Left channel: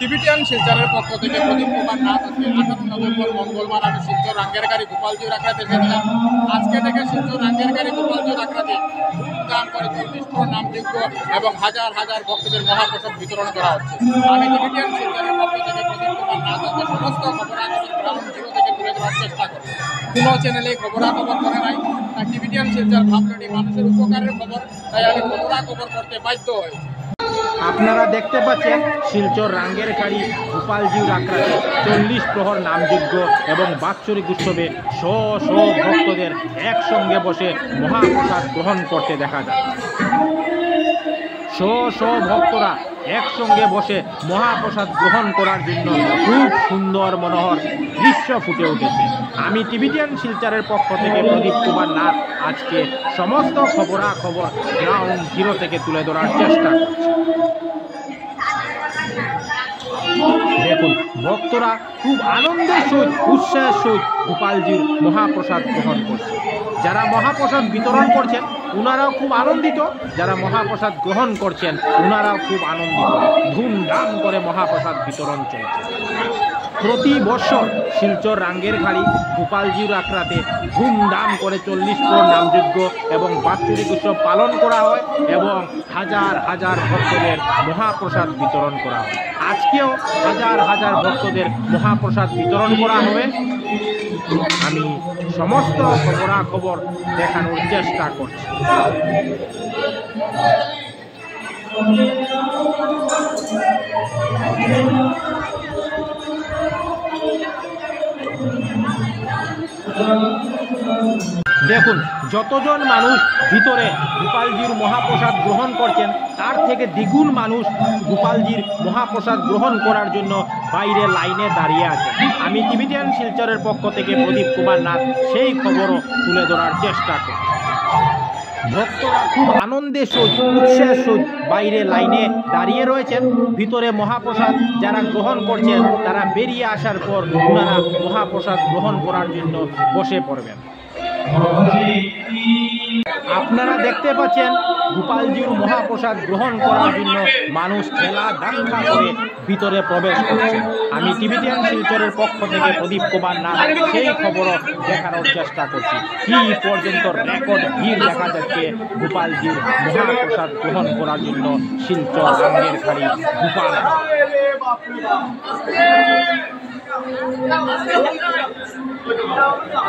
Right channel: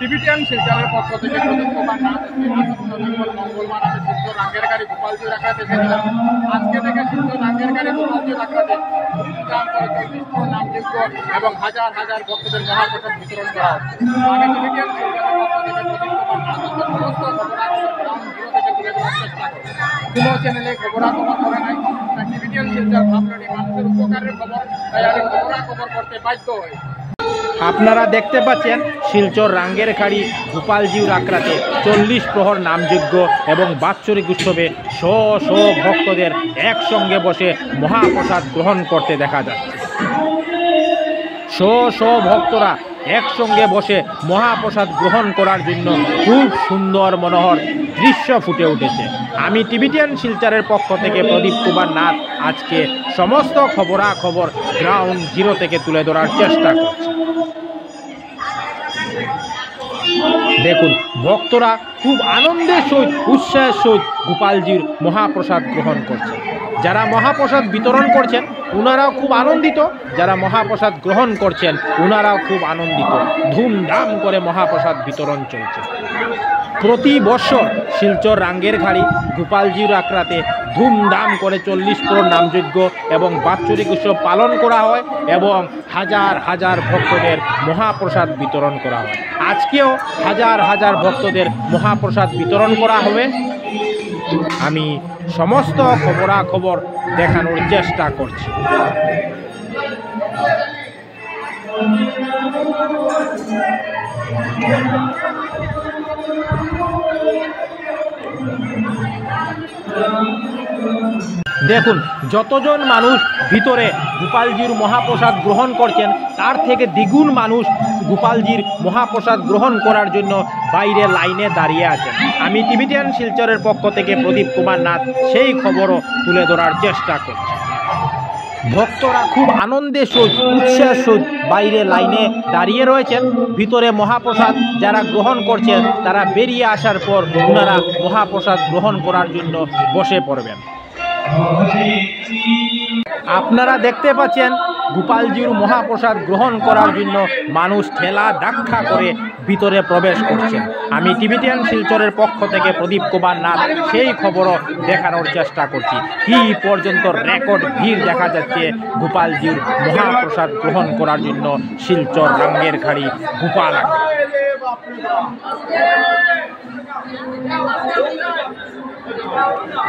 Tibetan শিলচরের পক্ষ থেকে প্রদীপ কুমার নাথ আজকে 18 নভেম্বর মঙ্গলবার আমি শিলচর রাঙ্গেরকারি গোপালজির আখড়াতে এসেছিলাম। আজকে থেকে শিলচর রাঙ্গেরকারি গোপালজির আখড়াতে ধুমধাম করে 40 নামযোগ্য এবং হাজার হাজার ভক্তদের মহাপ্রসাদ বিতরণ করা হচ্ছে। আমি টিবিটিয়ান শিলচরের পক্ষ থেকে প্রদীপ কুমার নাথ আজকে সমস্ত খবরাখবর গ্রাউন্ড জিরো থেকে তুলে ধরার চেষ্টা করব। কোনো চ্যানেলে খবরাখবর করে নাই, তাই টিবিটিয়ান শিলচর ভাবলেনি মানুষের উপকারের খবর, তাই আমি খবরাখবর করতে বাধ্য হয়েছি। আপনারা দেখতে পাচ্ছেন শিলচর রাঙ্গেরখাড়ি গোপালজির আখড়াতে 40 প্রহর নামযজ্ঞ এবং বাৎসরিক উৎসবে শ শ ভক্তদের একসঙ্গে বসে মহাপ্রসাদ গ্রহণ করতে দেখা যায়। শ শ ভক্তরা একসঙ্গে বসে মহাপ্রসাদ গ্রহণ করার জন্য খুব সুন্দর মনোহর দৃশ্য ফুটে উঠেছে। আমি টিবিটিয়ান শিলচরের পক্ষ থেকে প্রদীপ কুমার নাথ আজকে সমস্ত খবরাখবর গ্রাউন্ড জিরো থেকে তুলে ধরার চেষ্টা করছি। দেখুন, ভক্তরা খুব আনন্দের সহিত উৎসাহের সহিত গোপালজির মহাপ্রসাদ গ্রহণ করছে। যারা মহাপ্রসাদ বিতরণ করছেন ওনারাও খুব আনন্দিত, যারা মহাপ্রসাদ গ্রহণ করছেন ওনারাও খুব আনন্দিত। ধুমধাম করে মহাপ্রসাদ বিতরণ চলছে। প্রতি বছর শিলচর রাঙ্গেরখাড়ি গোপালজির আখড়াতে ধুমধাম করে 40 প্রহর নামযজ্ঞ এবং বাৎসরিক উৎসব পালন করা হয় এবং হাজার হাজার ভক্তদের মহাপ্রসাদ বিতরণ করা হয়। আজকেও হাজার হাজার ভক্তদের মহাপ্রসাদ বিতরণ করা হবে। আমি সমস্ত খবরাখবর দেখানোর চেষ্টা করছি। দেখুন, যতজন মানুষ ভিতরে গোপালজির মহাপ্রসাদ গ্রহণ করছেন তার থেকে দ্বিগুণ মানুষ গোপালজির মহাপ্রসাদ গ্রহণ করার জন্য বাইরে লাইনে দাঁড়িয়ে আছেন। আমি টিবিটিয়ান শিলচরের পক্ষ থেকে প্রদীপ কুমার নাথ সেই খবরও তুলে ধরার চেষ্টা করছি। ভক্তরা খুব আনন্দের সহিত উৎসাহের সহিত বাইরে লাইনে দাঁড়িয়ে রয়েছেন। ভিতরে মহাপ্রসাদ যারা গ্রহণ করছেন তারা বেরিয়ে আসার পর ওনারা মহাপ্রসাদ গ্রহণ করার জন্য বসে পড়বেন। আপনারা দেখতে পাচ্ছেন গোপালজির মহাপ্রসাদ গ্রহণ করার জন্য মানুষ ঠেলা ধাক্কা করে ভিতরে প্রবেশ করছে। আমি টিবিটিয়ান শিলচরের পক্ষ থেকে প্রদীপ কুমার নাথ সেই খবরও দেখানোর চেষ্টা করছি। কি পর্যন্ত রেকর্ড ভিড় দেখা যাচ্ছে গোপালজির মহাপ্রসাদ গ্রহণ করার জন্য শিলচর রাঙ্গেরখাড়ি গোপাল।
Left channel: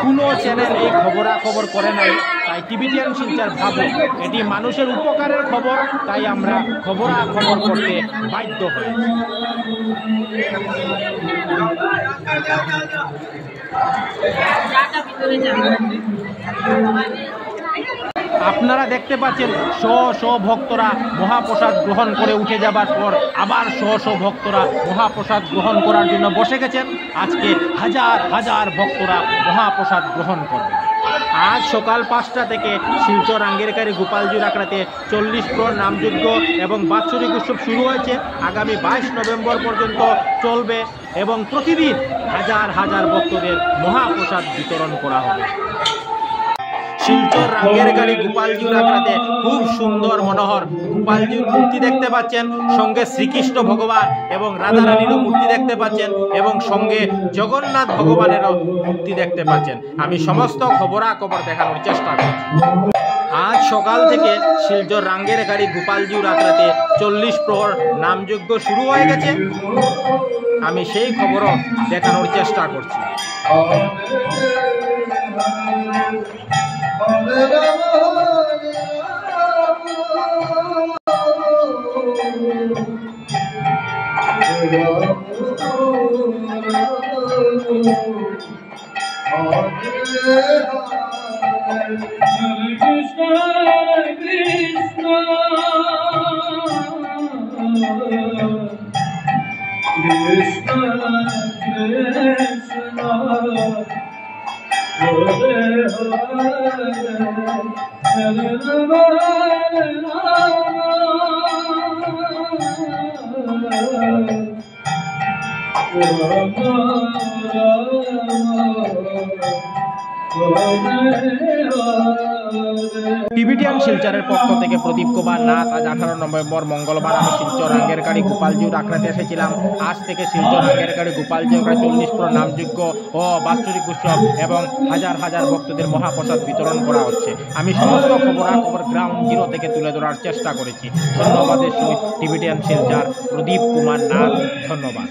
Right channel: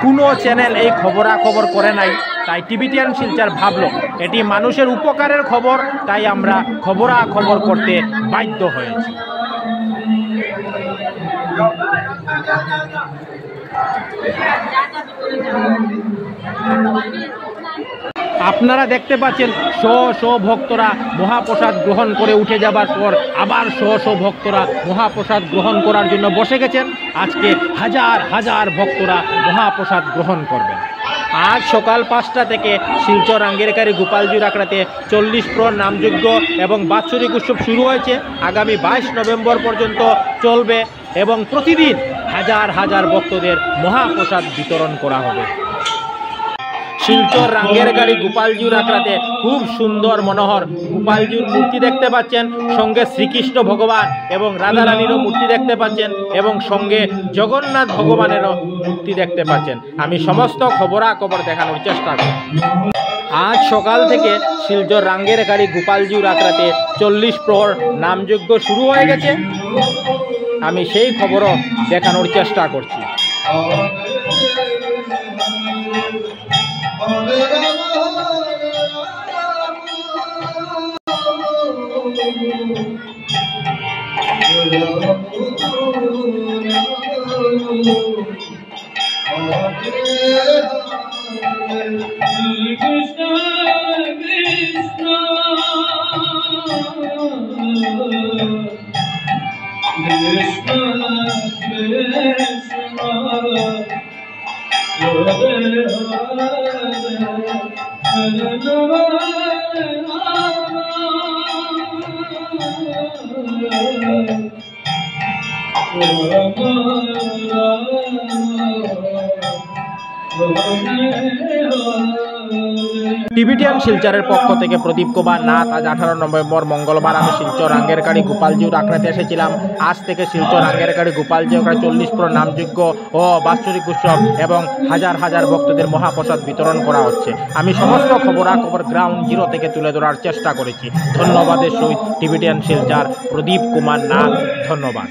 কোনো চ্যানেল এই খবরাখবর করে নাই, তাই টিবিটিয়ান শিলচর ভাবল এটি মানুষের উপকারের খবর, তাই আমরা খবরাখবর করতে বাধ্য হয়েছি। আপনারা দেখতে পাচ্ছেন শ শ ভক্তরা মহাপ্রসাদ গ্রহণ করে উঠে যাবার পর আবার শ শ ভক্তরা মহাপ্রসাদ গ্রহণ করার জন্য বসে গেছেন। আজকে হাজার হাজার ভক্তরা মহাপ্রসাদ গ্রহণ করবেন। আজ সকাল 5টা থেকে শিলচর রাঙ্গেরখাড়ি গোপালজির আখড়াতে 40 প্রহর নামযজ্ঞ এবং বাৎসরিক উৎসব শুরু হয়েছে। আগামী 22 নভেম্বর পর্যন্ত চলবে এবং প্রতিদিন হাজার হাজার ভক্তদের মহাপ্রসাদ বিতরণ করা হবে। শিলচর রাঙ্গেরখাড়ি গোপালজির আখড়াতে খুব সুন্দর মনোহর গোপালজির মূর্তি দেখতে পাচ্ছেন, সঙ্গে শ্রীকৃষ্ণ ভগবান এবং রাধারানীরও মূর্তি দেখতে পাচ্ছেন এবং সঙ্গে জগন্নাথ ভগবানেরও মূর্তি দেখতে পাচ্ছেন। আমি সমস্ত খবরাখবর দেখানোর চেষ্টা করি। আজ সকাল থেকে শিলচর রাঙ্গেরখাড়ি গোপালজির আখড়াতে 40 প্রহর নামযজ্ঞ শুরু হয়ে গেছে। আমি সেই খবরও দেখানোর চেষ্টা করছি। টিবিটিয়ান শিলচরের পক্ষ থেকে প্রদীপ কুমার নাথ। আজ 18 নভেম্বর মঙ্গলবার আমি শিলচর আঙ্গেরকাড়ি গোপালজিউর আখড়াতে এসেছিলাম। আজ থেকে শিলচর আঙ্গেরকাড়ি গোপালজি আখড়া 40 নামযোগ্য ও বাৎসরিক উৎসব এবং হাজার হাজার ভক্তদের মহাপ্রসাদ বিতরণ করা হচ্ছে। আমি সমস্ত খবরাখবর গ্রাউন্ড জিরো থেকে তুলে ধরার চেষ্টা করেছি। ধন্যবাদের সহিত টিবিটিয়ান শিলচর প্রদীপ কুমার নাথ। ধন্যবাদ।